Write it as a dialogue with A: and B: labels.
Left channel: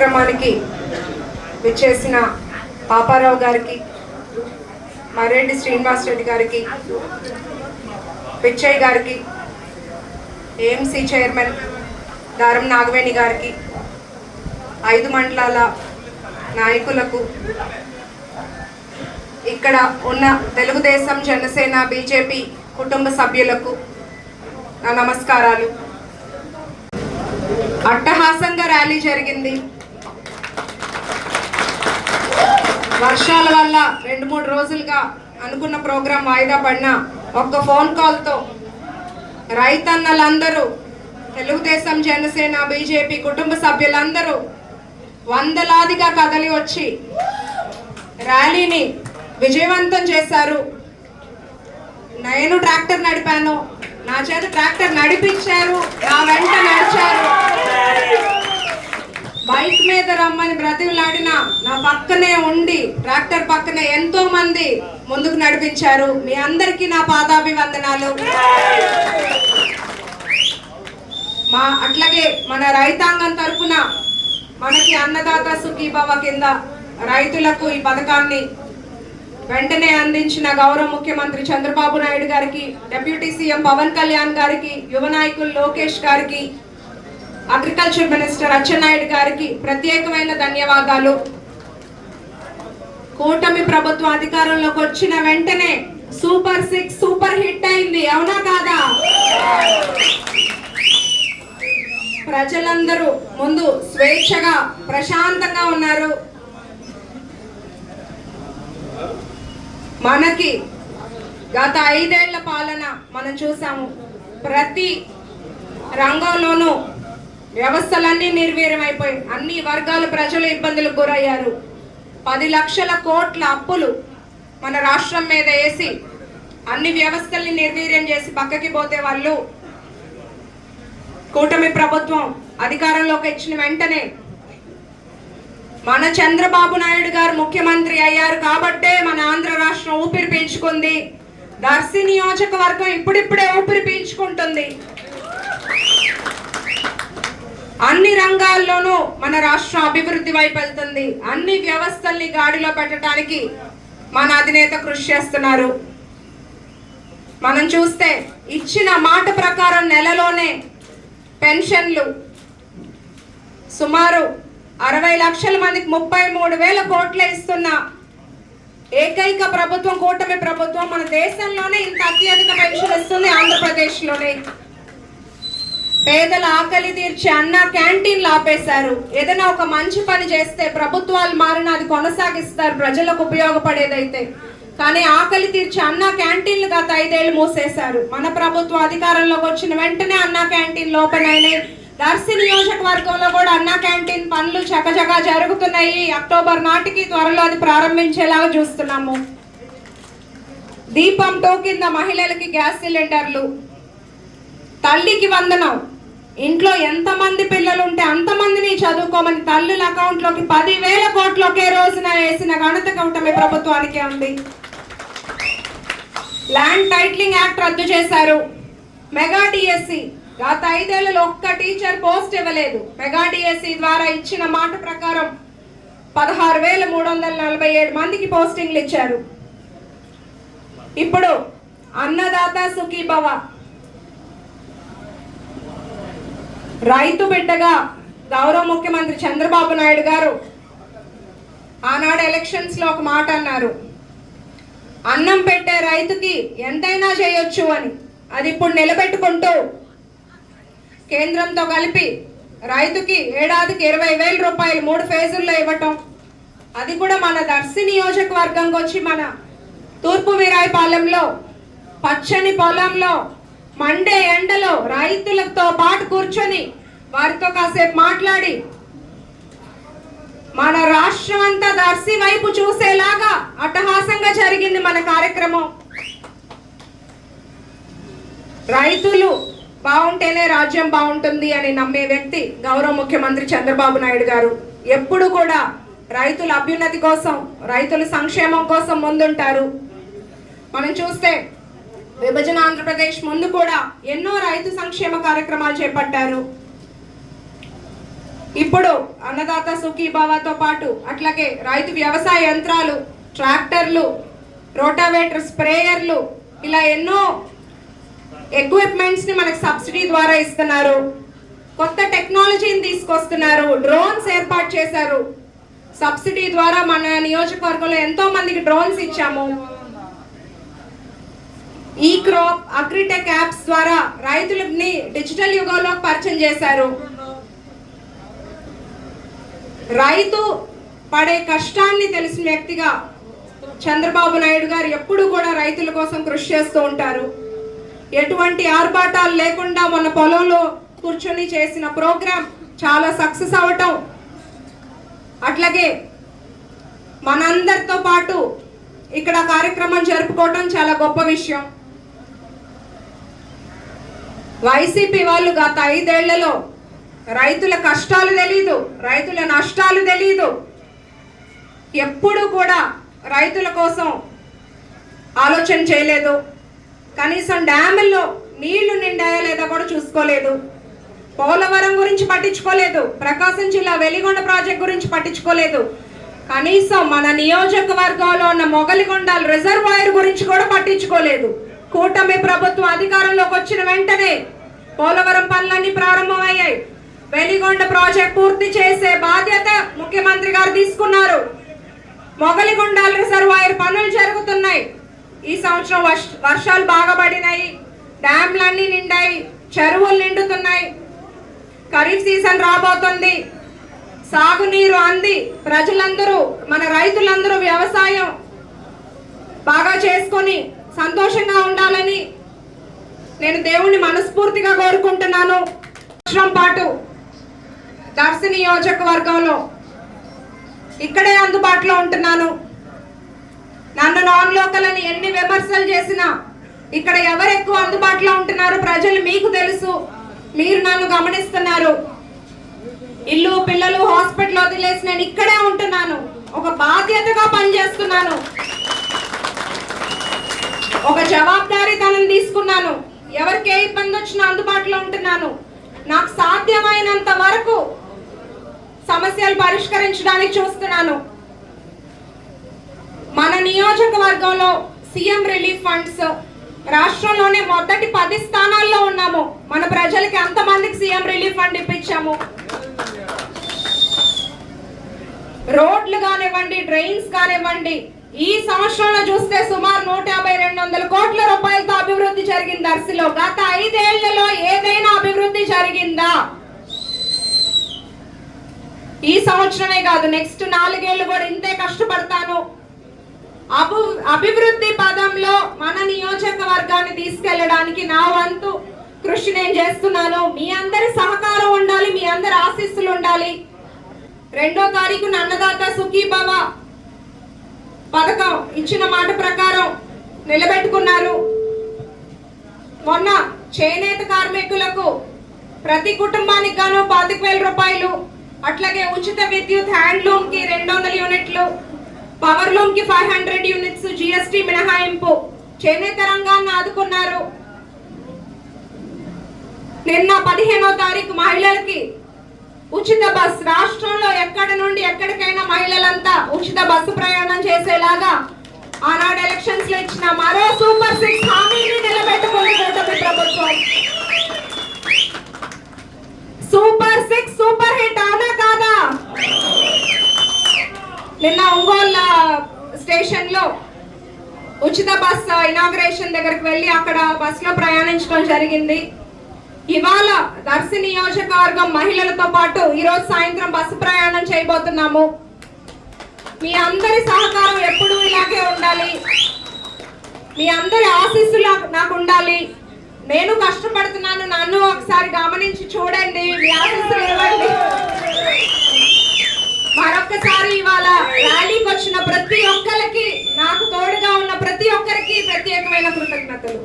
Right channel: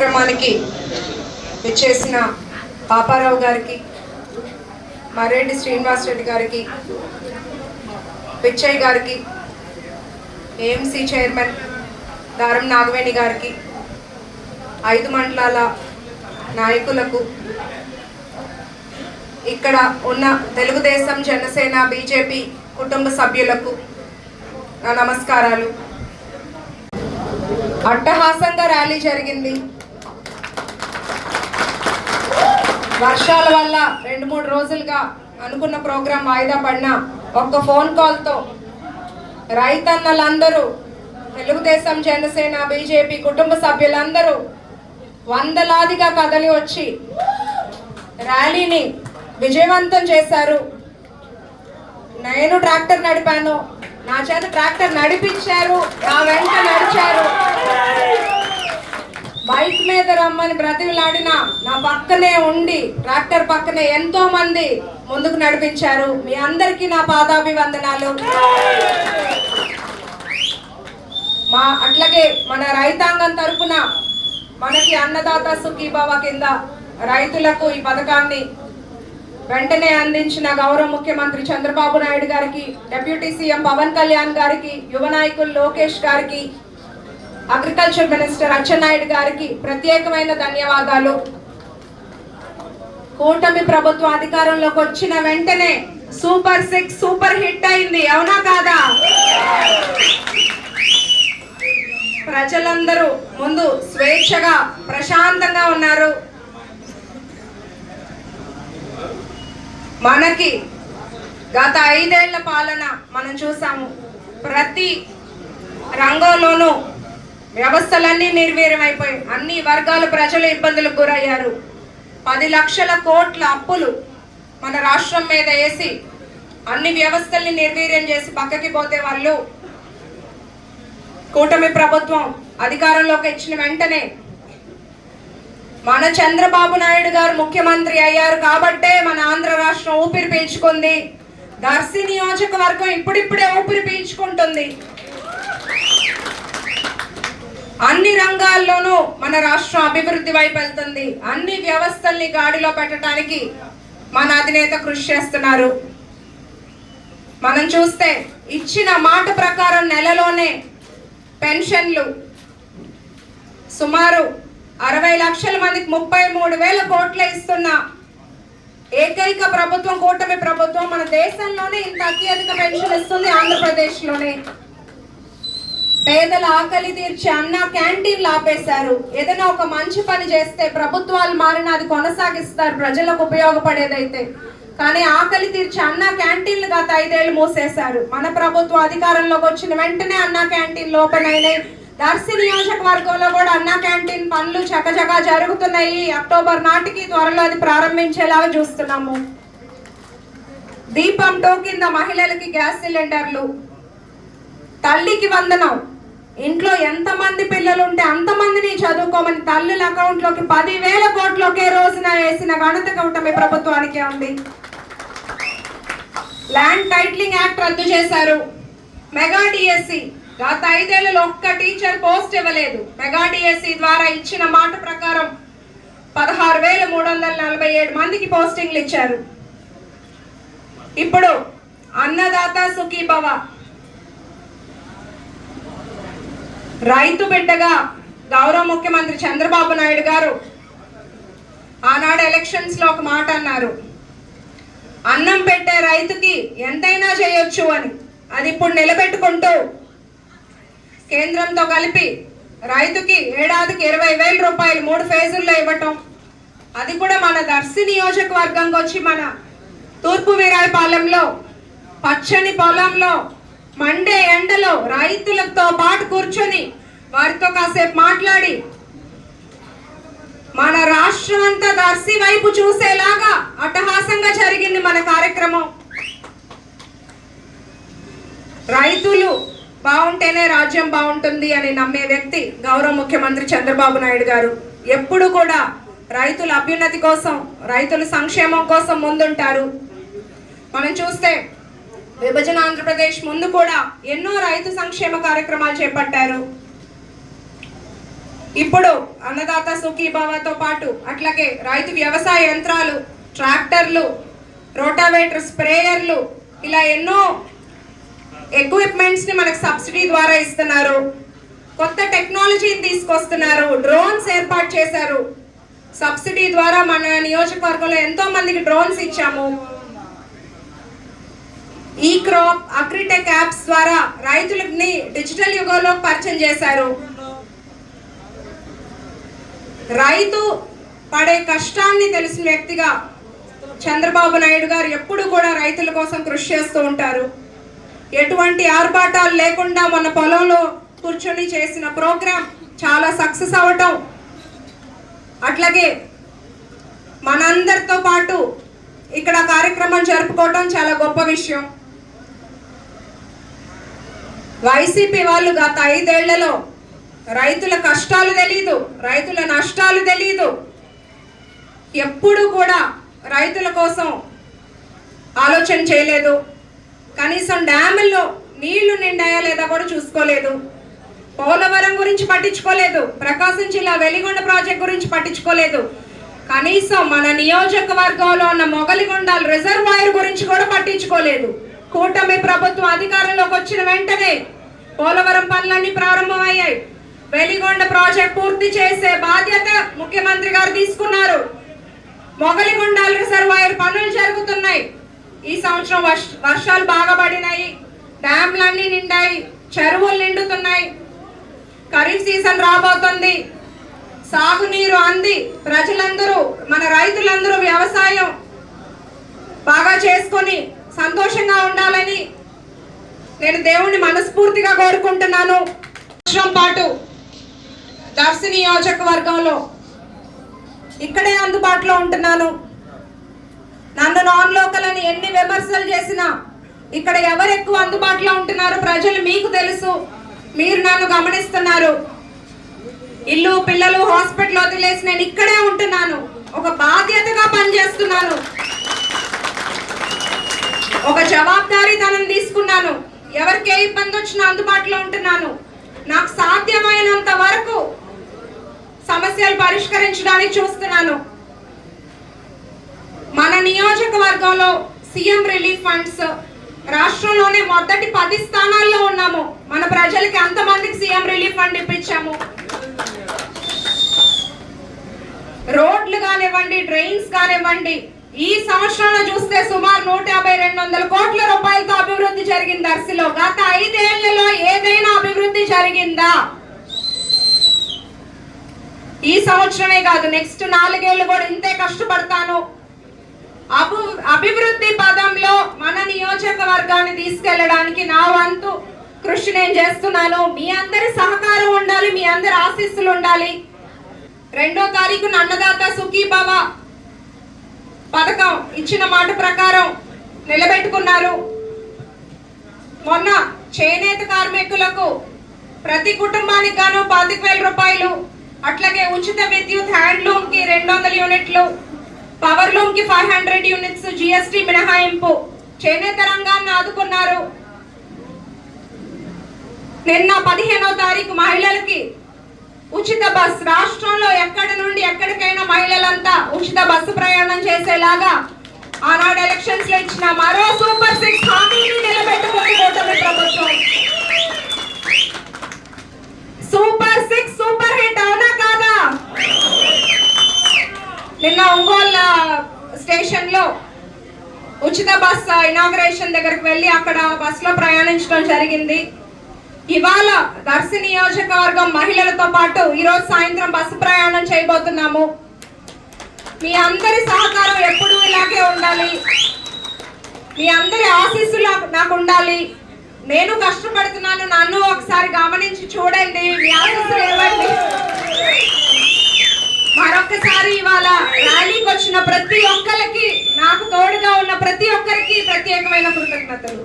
A: కార్యక్రమానికి విచ్చేసిన పాపారావు గారికి మర్రెడ్డి శ్రీనివాస్ రెడ్డి గారికి పిచ్చయ్య గారికి ఏఎంసీ చైర్మన్ దారం నాగవేణి గారికి ఐదు మండలాల నాయకులకు ఇక్కడ ఉన్న తెలుగుదేశం జనసేన బీజేపీ కుటుంబ సభ్యులకు నా నమస్కారాలు. అట్టహాసంగా ర్యాలీ జరిగింది. వర్షాల వల్ల రెండు మూడు రోజులుగా అనుకున్న ప్రోగ్రాం వాయిదా పడిన ఒక్క ఫోన్ కాల్తో రైతన్నలందరూ తెలుగుదేశం జనసేన బీజేపీ కుటుంబ సభ్యులందరూ వందలాదిగా కదలి వచ్చి ర్యాలీని విజయవంతం చేశారు. నేను ట్రాక్టర్ నడిపాను. నా చేత ట్రాక్టర్ నడిపించారు. నా వెంట నడిచారు. బైక్ మీద రమ్మని బ్రతిమలాడిన నా పక్కనే ఉండి ట్రాక్టర్ పక్కనే ఎంతో మంది ముందుకు నడిపించారు. మీ అందరికీ నా పాదాభివందనాలు. మా అట్లాగే మన రైతాంగం తరఫున మనకి అన్నదాత సుఖీభవ కింద రైతులకు ఈ పథకాన్ని వెంటనే అందించిన గౌరవ ముఖ్యమంత్రి చంద్రబాబు నాయుడు గారికి డిప్యూటీ సీఎం పవన్ కళ్యాణ్ గారికి యువ నాయకులు లోకేష్ గారికి అగ్రికల్చర్ మినిస్టర్ అచ్చెన్నాయుడు గారికి ప్రత్యేకమైన ధన్యవాదాలు. కూటమి ప్రభుత్వం అధికారంలోకి వచ్చిన వెంటనే సూపర్ సిక్స్ సూపర్ హిట్ అయింది. అవునా కాదా? ప్రజలందరూ ముందు స్వేచ్ఛగా ప్రశాంతంగా ఉన్నారు. మనకి గత ఐదేళ్ళ పాలన మనం చూసాము. ప్రతి రంగంలోనూ వ్యవస్థలన్నీ నిర్వీర్యమైపోయి అన్ని వర్గాల ప్రజలు ఇబ్బందులకు గురయ్యారు. పది లక్షల కోట్ల అప్పులు మన రాష్ట్రం మీద వేసి అన్ని వ్యవస్థల్ని నిర్వీర్యం చేసి పక్కకి పోతే వాళ్ళు కూటమి ప్రభుత్వం అధికారంలోకి ఇచ్చిన వెంటనే మన చంద్రబాబు నాయుడు గారు ముఖ్యమంత్రి అయ్యారు కాబట్టే మన ఆంధ్ర రాష్ట్రం ఊపిరి పీల్చుకుంది. దర్శి నియోజకవర్గం ఇప్పుడిప్పుడే ఊపిరి పీల్చుకుంటుంది. అన్ని రంగాల్లోనూ మన రాష్ట్రం అభివృద్ధి వైపు వెళ్తుంది. అన్ని వ్యవస్థల్ని గాడిలో పెట్టడానికి మన అధినేత కృషి చేస్తున్నారు. మనం చూస్తే ఇచ్చిన మాట ప్రకారం నెలలోనే పెన్షన్లు సుమారు అరవై లక్షల మందికి ముప్పై మూడు వేల కోట్ల ఇస్తున్న ఏకైక ప్రభుత్వం కూటమి ప్రభుత్వం మన దేశంలోనే ఇంత అత్యధిక పెన్షన్ ఇస్తుంది ఆంధ్రప్రదేశ్లోనే. పేదల ఆకలి తీర్చే అన్న క్యాంటీన్లు ఆపేశారు. ఏదైనా ఒక మంచి పని చేస్తే ప్రభుత్వాలు మారిన అది కొనసాగిస్తారు. ప్రజలకు ఉపయోగపడేదైతే. కానీ ఆకలి తీర్చే అన్న క్యాంటీన్లు గత ఐదేళ్ళు మూసేశారు. మన ప్రభుత్వం అధికారంలోకి వచ్చిన వెంటనే అన్న క్యాంటీన్లు ఓపెన్ అయినాయి. దర్శి నియోజకవర్గంలో కూడా అన్న క్యాంటీన్ పనులు చకచకా జరుగుతున్నాయి. అక్టోబర్ నాటికి త్వరలో అది ప్రారంభించేలాగా చూస్తున్నాము. దీపం టోకింద మహిళలకి గ్యాస్ సిలిండర్లు. తల్లికి వందనం. ఇంట్లో ఎంతమంది పిల్లలు ఉంటే అంతమందిని చదువుకోమని తల్లుల అకౌంట్లోకి పదివేల కోట్లు ఒకే రోజున వేసిన ఘనత కూటమి ప్రభుత్వానికే ఉంది. ల్యాండ్ టైటిలింగ్ యాక్ట్ రద్దు చేశారు. మెగా డిఎస్సి గత ఐదేళ్ళలో ఒక్క టీచర్ పోస్ట్ ఇవ్వలేదు. మెగా డిఎస్సి ద్వారా ఇచ్చిన మాట ప్రకారం పదహారు వేల మూడు వందల నలభై ఏడు మందికి పోస్టింగ్లు ఇచ్చారు. ఇప్పుడు అన్నదాత సుఖీభవ రైతు బిడ్డగా గౌరవ ముఖ్యమంత్రి చంద్రబాబు నాయుడు గారు ఆనాడు ఎలక్షన్స్లో ఒక మాట అన్నారు. అన్నం పెట్టే రైతుకి ఎంతైనా చేయొచ్చు అని. అది ఇప్పుడు నిలబెట్టుకుంటూ కేంద్రంతో కలిపి రైతుకి ఏడాదికి ఇరవై వేల రూపాయలు మూడు ఫేజుల్లో ఇవ్వటం అది కూడా మన దర్శి నియోజకవర్గంకి వచ్చి మన తూర్పు వీరాయపాలెంలో పచ్చని పొలంలో మండే ఎండలో రైతులతో పాటు కూర్చొని వారితో కాసేపు మాట్లాడి. మన రాష్ట్రం అంతా దర్శి వైపు చూసేలాగా అట్టహాసంగా జరిగింది మన కార్యక్రమం. రైతులు బాగుంటేనే రాజ్యం బాగుంటుంది అని నమ్మే వ్యక్తి గౌరవ ముఖ్యమంత్రి చంద్రబాబు నాయుడు గారు. ఎప్పుడు కూడా రైతుల అభ్యున్నతి కోసం రైతుల సంక్షేమం కోసం ముందుంటారు. మనం చూస్తే విభజన ఆంధ్రప్రదేశ్ ముందు కూడా ఎన్నో రైతు సంక్షేమ కార్యక్రమాలు చేపట్టారు. ఇప్పుడు అన్నదాత సుఖీభావతో పాటు అట్లాగే రైతు వ్యవసాయ యంత్రాలు ట్రాక్టర్లు రోటావేటర్ స్ప్రేయర్లు ఇలా ఎన్నో ఎక్విప్మెంట్స్ని మనకు సబ్సిడీ ద్వారా ఇస్తున్నారు. కొత్త టెక్నాలజీని తీసుకొస్తున్నారు. డ్రోన్స్ ఏర్పాటు చేశారు. సబ్సిడీ ద్వారా మన నియోజకవర్గంలో ఎంతో మందికి డ్రోన్స్ ఇచ్చాము. ఈ క్రాప్ అగ్రిటెక్ యాప్స్ ద్వారా రైతులని డిజిటల్ యుగంలో పరిచయం చేశారు. రైతు పడే కష్టాన్ని తెలిసిన వ్యక్తిగా చంద్రబాబు నాయుడు గారు ఎప్పుడు కూడా రైతుల కోసం కృషి చేస్తూ ఉంటారు. ఎటువంటి ఆర్భాటాలు లేకుండా మన పొలంలో కూర్చొని చేసిన ప్రోగ్రాం చాలా సక్సెస్ అవటం అట్లాగే మనందరితో పాటు ఇక్కడ కార్యక్రమం జరుపుకోవటం చాలా గొప్ప విషయం. వైసీపీ వాళ్ళు గత ఐదేళ్ళలో రైతుల కష్టాలు తెలీదు రైతుల నష్టాలు తెలీదు. ఎప్పుడు కూడా రైతుల కోసం ఆలోచన చేయలేదు. కనీసం డ్యాముల్లో నీళ్ళు నిండాయా లేదా కూడా చూసుకోలేదు. పోలవరం గురించి పట్టించుకోలేదు. ప్రకాశం జిల్లా వెలిగొండ ప్రాజెక్ట్ గురించి పట్టించుకోలేదు. కనీసం మన నియోజకవర్గంలో ఉన్న మొగలిగొండ రిజర్వాయర్ గురించి కూడా పట్టించుకోలేదు. కూటమి ప్రభుత్వం అధికారంలోకి వచ్చిన వెంటనే పోలవరం పనులన్నీ ప్రారంభమయ్యాయి. వెలిగొండ ప్రాజెక్ట్ పూర్తి చేసే బాధ్యత ముఖ్యమంత్రి గారు తీసుకున్నారు. మొగలిగొండాల రిజర్వాయర్ పనులు జరుగుతున్నాయి. ఈ సంవత్సరం వర్ష- వర్షాలు బాగా పడినాయి. డ్యాంలన్నీ నిండాయి. చెరువులు నిండుతున్నాయి. ఖరీఫ్ సీజన్ రాబోతుంది. సాగునీరు అంది ప్రజలందరూ మన రైతులందరూ వ్యవసాయం బాగా చేసుకొని సంతోషంగా ఉండాలని నేను దేవుణ్ణి మనస్ఫూర్తిగా కోరుకుంటున్నాను. దర్శి నియోజకవర్గంలో ఇక్కడే అందుబాటులో ఉంటున్నాను. నన్ను నాన్ లోకల్ అని ఎన్ని విమర్శలు చేసినా ఇక్కడ ఎవరు ఎక్కువ అందుబాటులో ఉంటున్నారు ప్రజలు మీకు తెలుసు. మీరు నన్ను గమనిస్తున్నారు. ఇల్లు పిల్లలు హాస్పిటల్ వదిలేసి నేను ఇక్కడే ఉంటున్నాను. ఒక బాధ్యతగా పనిచేస్తున్నాను. ఒక జవాబారీతనం తీసుకున్నాను. ఎవరికి ఏ ఇబ్బంది వచ్చినా అందుబాటులో ఉంటున్నాను. నాకు సాధ్యమైనంత వరకు సమస్యలు పరిష్కరించడానికి చూస్తున్నాను. మన నియోజకవర్గంలో సీఎం రిలీఫ్ ఫండ్స్ రాష్ట్రంలోనే మొదటి పది స్థానాల్లో ఉన్నాము. మన ప్రజలకి అంతమందికి సీఎం రిలీఫ్ ఫండ్ ఇప్పించాము? రోడ్లు కానివ్వండి డ్రైన్స్ కానివ్వండి ఈ సంవత్సరంలో చూస్తే సుమారు నూట యాభై రెండు వందల కోట్ల రూపాయలతో అభివృద్ధి జరిగింది దర్శిలో గత ఐదేళ్ళలో ఏదైనా అభివృద్ధి జరిగిందా? ఈ సంవత్సరమే కాదు నెక్స్ట్ నాలుగేళ్ళు కూడా ఇంతే కష్టపడతాను. అభి అభివృద్ధి పదంలో మన నియోజకవర్గాన్ని తీసుకెళ్ళడానికి నా వంతు కృషి నేను చేస్తున్నాను. మీ అందరి సహకారం ఉండాలి మీ అందరి ఆశీస్సులు ఉండాలి. రెండో తారీఖు అన్నదాత సుఖీభవ పథకం ఇచ్చిన మాట ప్రకారం నిలబెట్టుకున్నారు. మొన్న చేనేత కార్మికులకు ప్రతి కుటుంబానికి గాను పాతిక వేల రూపాయలు అట్లాగే ఉచిత విద్యుత్ హ్యాండ్లూమ్కి రెండు వందల యూనిట్లు పవర్ లూమ్కి ఫైవ్ హండ్రెడ్ యూనిట్స్ జిఎస్టి మినహాయింపు. చేనేత రంగాన్ని ఆదుకున్నారు. నిన్న పదిహేనో తారీఖు మహిళలకి ఉచిత బస్. రాష్ట్రంలో ఎక్కడి నుండి ఎక్కడికైనా మహిళలంతా ఉచిత బస్సు ప్రయాణం చేసేలాగా ఆనాడు ఎలక్షన్స్లో ఇచ్చిన మరో సూపర్ సిక్స్ హామీని నిలబెట్టుకుని కూటమి ప్రభుత్వం సూపర్ సిక్స్ సూపర్ హిట్ అవునా కాదా నిన్న ఒంగోలు స్టేషన్లో ఉచిత బస్ ఇనాగ్రేషన్ దగ్గరికి వెళ్ళి అక్కడ బస్లో ప్రయాణించడం జరిగింది. ఇవాళ దర్శి నియోజకవర్గం మహిళలతో పాటు ఈరోజు సాయంత్రం బస్సు ప్రయాణం చేయబోతున్నాము. మీ అందరి సహకారం ఎప్పుడూ ఇలాగే ఉండాలి. మీ అందరి ఆశీస్సులు నాకు- నాకు ఉండాలి. నేను కష్టపడుతున్నాను నన్ను ఒకసారి గమనించి చూడండి. మీ ఆశీస్సులు ఇవ్వండి మరొకసారి ఇవాళ ర్యాలీకి వచ్చిన ప్రతి ఒక్కరికి నాకు తోడుగా ఉన్న ప్రతి ఒక్కరికి ప్రత్యేకమైన కృతజ్ఞతలు.